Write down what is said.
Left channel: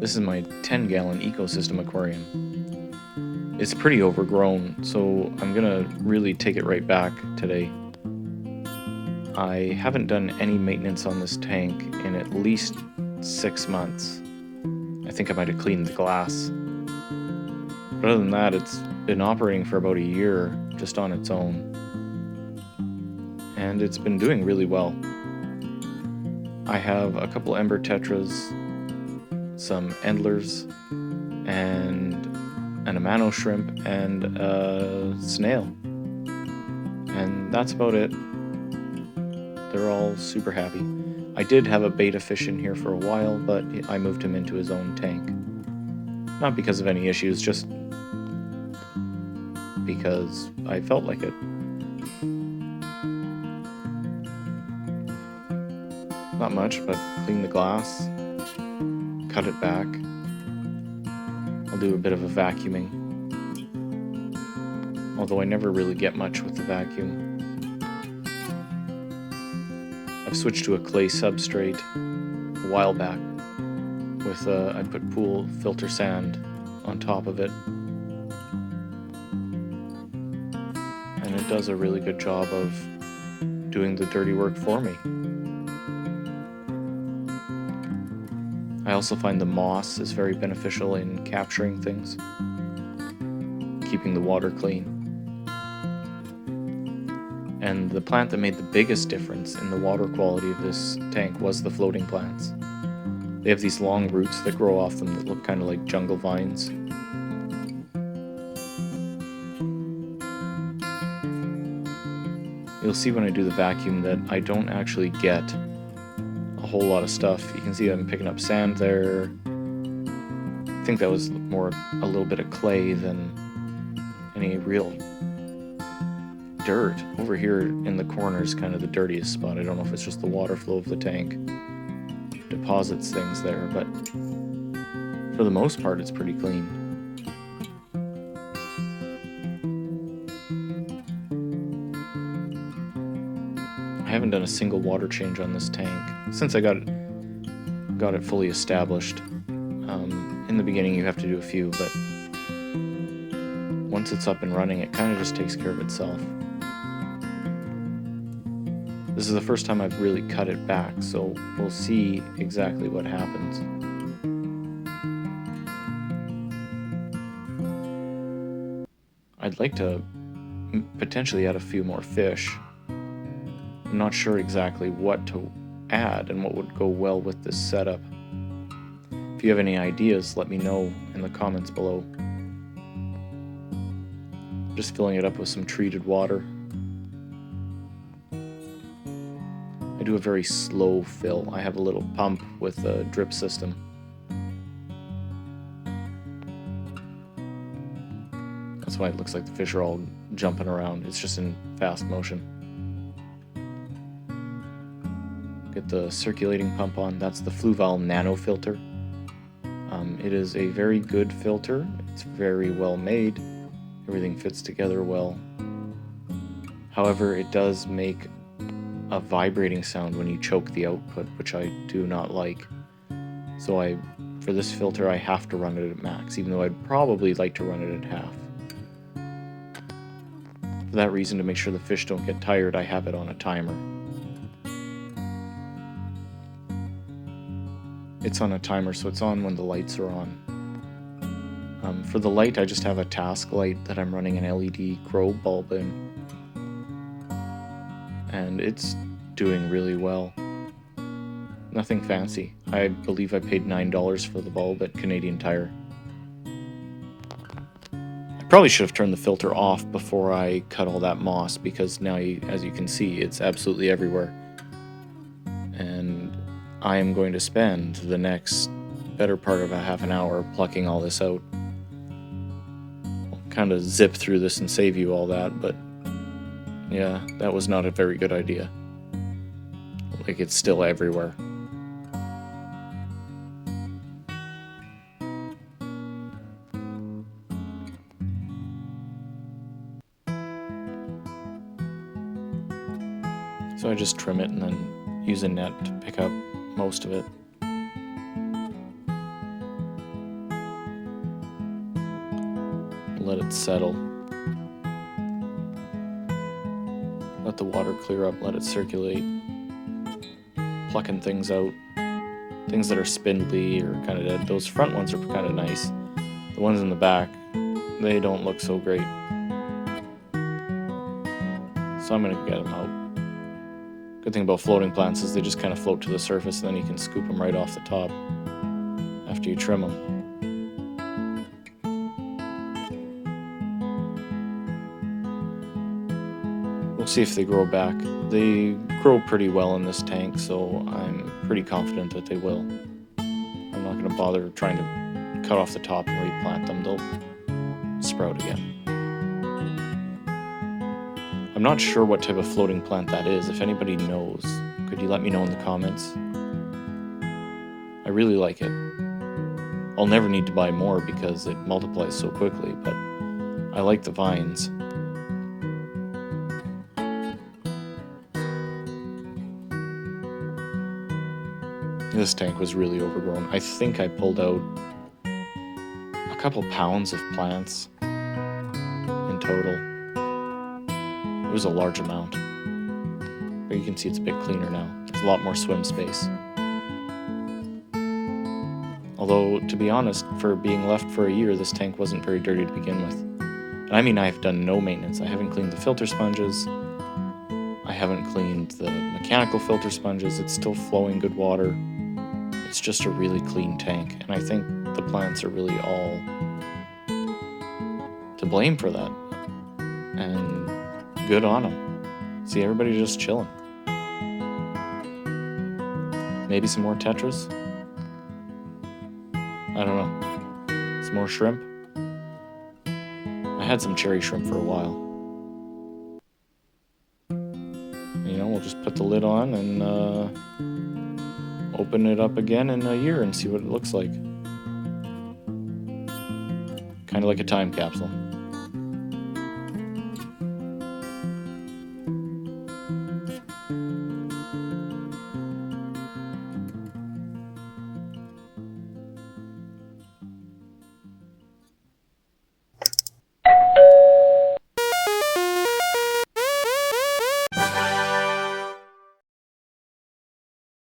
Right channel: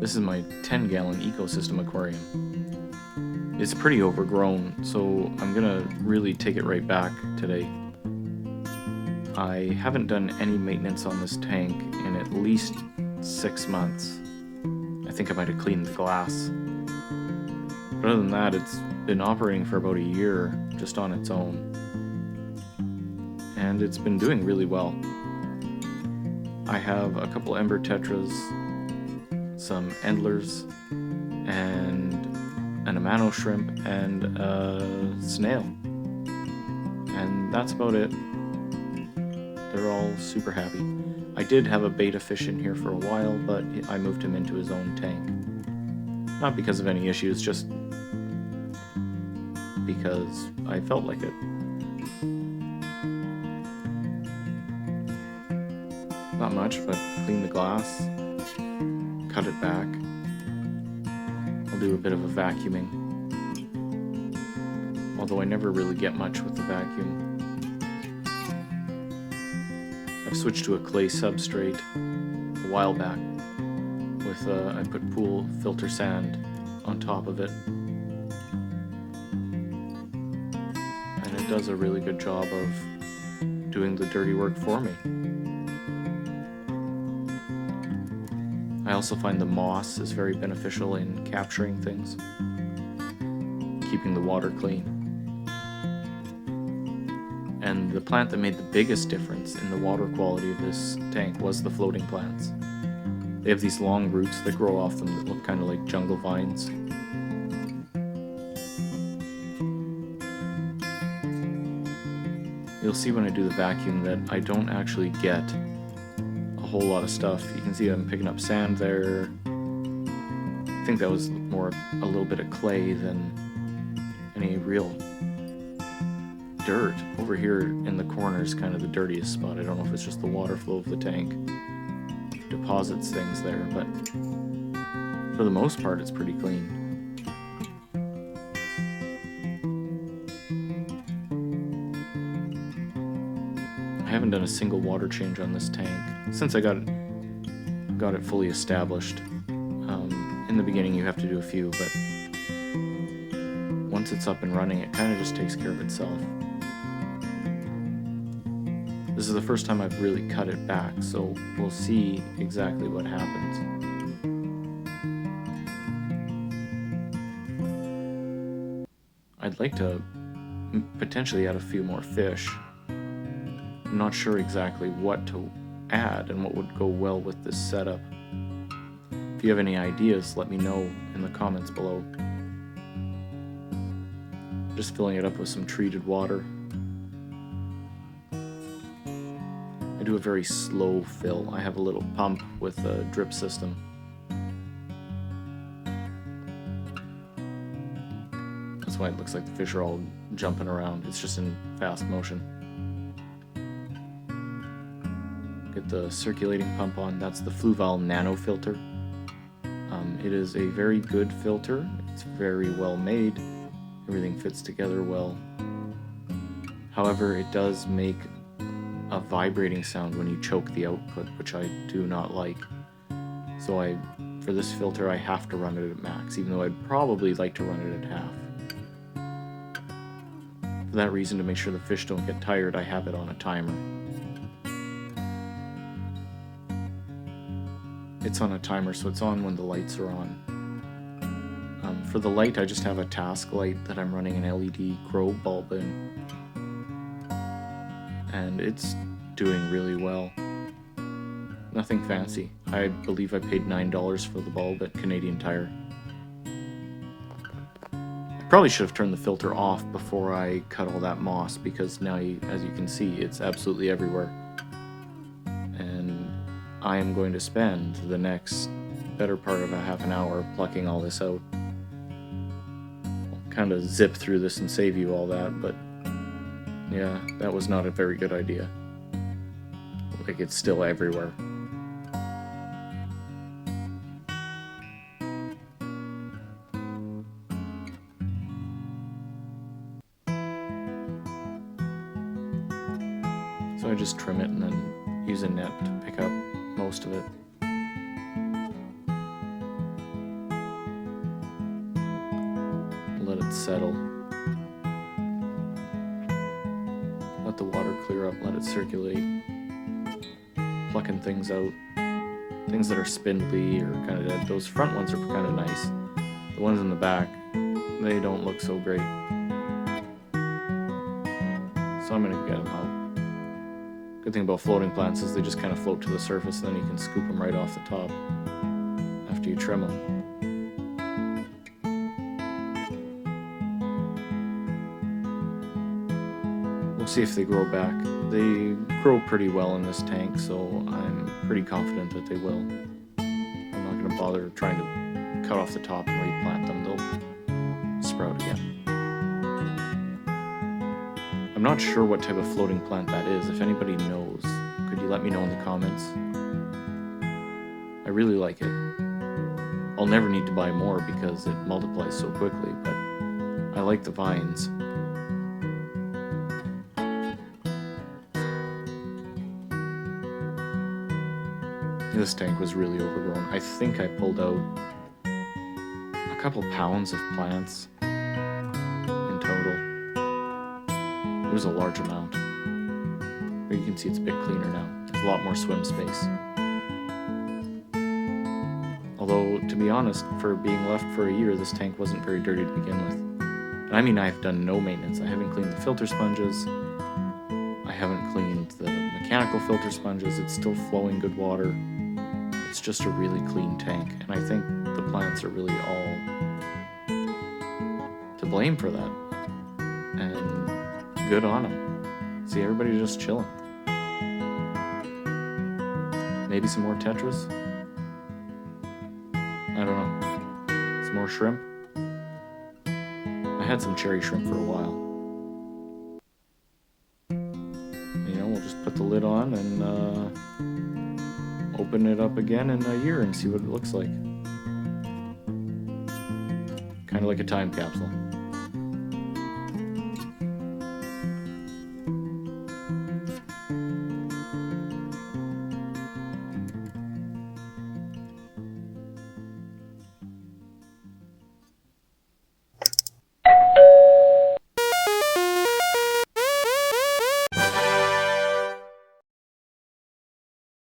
This is my 10-gallon ecosystem aquarium. It's pretty overgrown, so I'm gonna really take it right back today. I haven't done any maintenance on this tank in at least 6 months. I think I might have cleaned the glass. But other than that, it's been operating for about a year just on its own. And it's been doing really well. I have a couple Ember Tetras, some Endlers, and an Amano shrimp, and a snail. And that's about it. They're all super happy. I did have a beta fish in here for a while, but I moved him into his own tank. Not because of any issues, just because I felt like it. Not much, but clean the glass, cut it back. I'll do a bit of a vacuuming, although I never really get much with the vacuum. I've switched to a clay substrate a while back with I put pool filter sand on top of it, and it does a really good job of doing the dirty work for me. I also find the moss is very beneficial in capturing things, keeping the water clean. And the plant that made the biggest difference in the water quality of this tank was the floating plants. They have these long roots that grow off them that look kind of like jungle vines. You'll see when I do the vacuum that I don't actually get a whole lot of stuff. You can see I'm picking up sand there. I think that was more a little bit of clay than any real dirt. Over here in the corner is kind of the dirtiest spot. I don't know if it's just the water flow of the tank deposits things there, but for the most part it's pretty clean. I haven't done a single water change on this tank since I got it fully established. In the beginning you have to do a few, but once it's up and running, it kind of just takes care of itself. This is the first time I've really cut it back, so we'll see exactly what happens. I'd like to potentially add a few more fish. I'm not sure exactly what to add and what would go well with this setup. If you have any ideas, let me know in the comments below. Just filling it up with some treated water. I do a very slow fill. I have a little pump with a drip system. That's why it looks like the fish are all jumping around. It's just in fast motion. Get the circulating pump on. That's the Fluval Nano filter. It is a very good filter. It's very well made. Everything fits together well. However, it does make a vibrating sound when you choke the output, which I do not like. So for this filter, I have to run it at max, even though I'd probably like to run it at half. For that reason, to make sure the fish don't get tired, I have it on a timer. It's on a timer, so it's on when the lights are on. For the light, I just have a task light that I'm running an LED grow bulb in. And it's doing really well. Nothing fancy. I believe I paid $9 for the bulb at Canadian Tire. I probably should have turned the filter off before I cut all that moss, because now, as you can see, it's absolutely everywhere. And I am going to spend the next better part of a half an hour plucking all this out. I'll kind of zip through this and save you all that, but yeah, that was not a very good idea. Like, it's still everywhere. So I just trim it and then use a net to pick up most of it. Let it settle. Let the water clear up, let it circulate. Plucking things out. Things that are spindly or kind of dead. Those front ones are kind of nice. The ones in the back, they don't look so great. So I'm going to get them out. Good thing about floating plants is they just kind of float to the surface, and then you can scoop them right off the top after you trim them. We'll see if they grow back. They grow pretty well in this tank, so I'm pretty confident that they will. I'm not going to bother trying to cut off the top and replant them. They'll sprout again. I'm not sure what type of floating plant that is. If anybody knows, could you let me know in the comments? I really like it. I'll never need to buy more because it multiplies so quickly, but I like the vines. This tank was really overgrown. I think I pulled out a couple pounds of plants in total. It was a large amount. But you can see it's a bit cleaner now. There's a lot more swim space. Although, to be honest, for being left for a year, this tank wasn't very dirty to begin with. And I mean, I've done no maintenance. I haven't cleaned the filter sponges. I haven't cleaned the mechanical filter sponges. It's still flowing good water. It's just a really clean tank. And I think the plants are really all to blame for that. And good on them. See, everybody just chilling. Maybe some more tetras? I don't know. Some more shrimp? I had some cherry shrimp for a while. You know, we'll just put the lid on and open it up again in a year and see what it looks like. Kind of like a time capsule.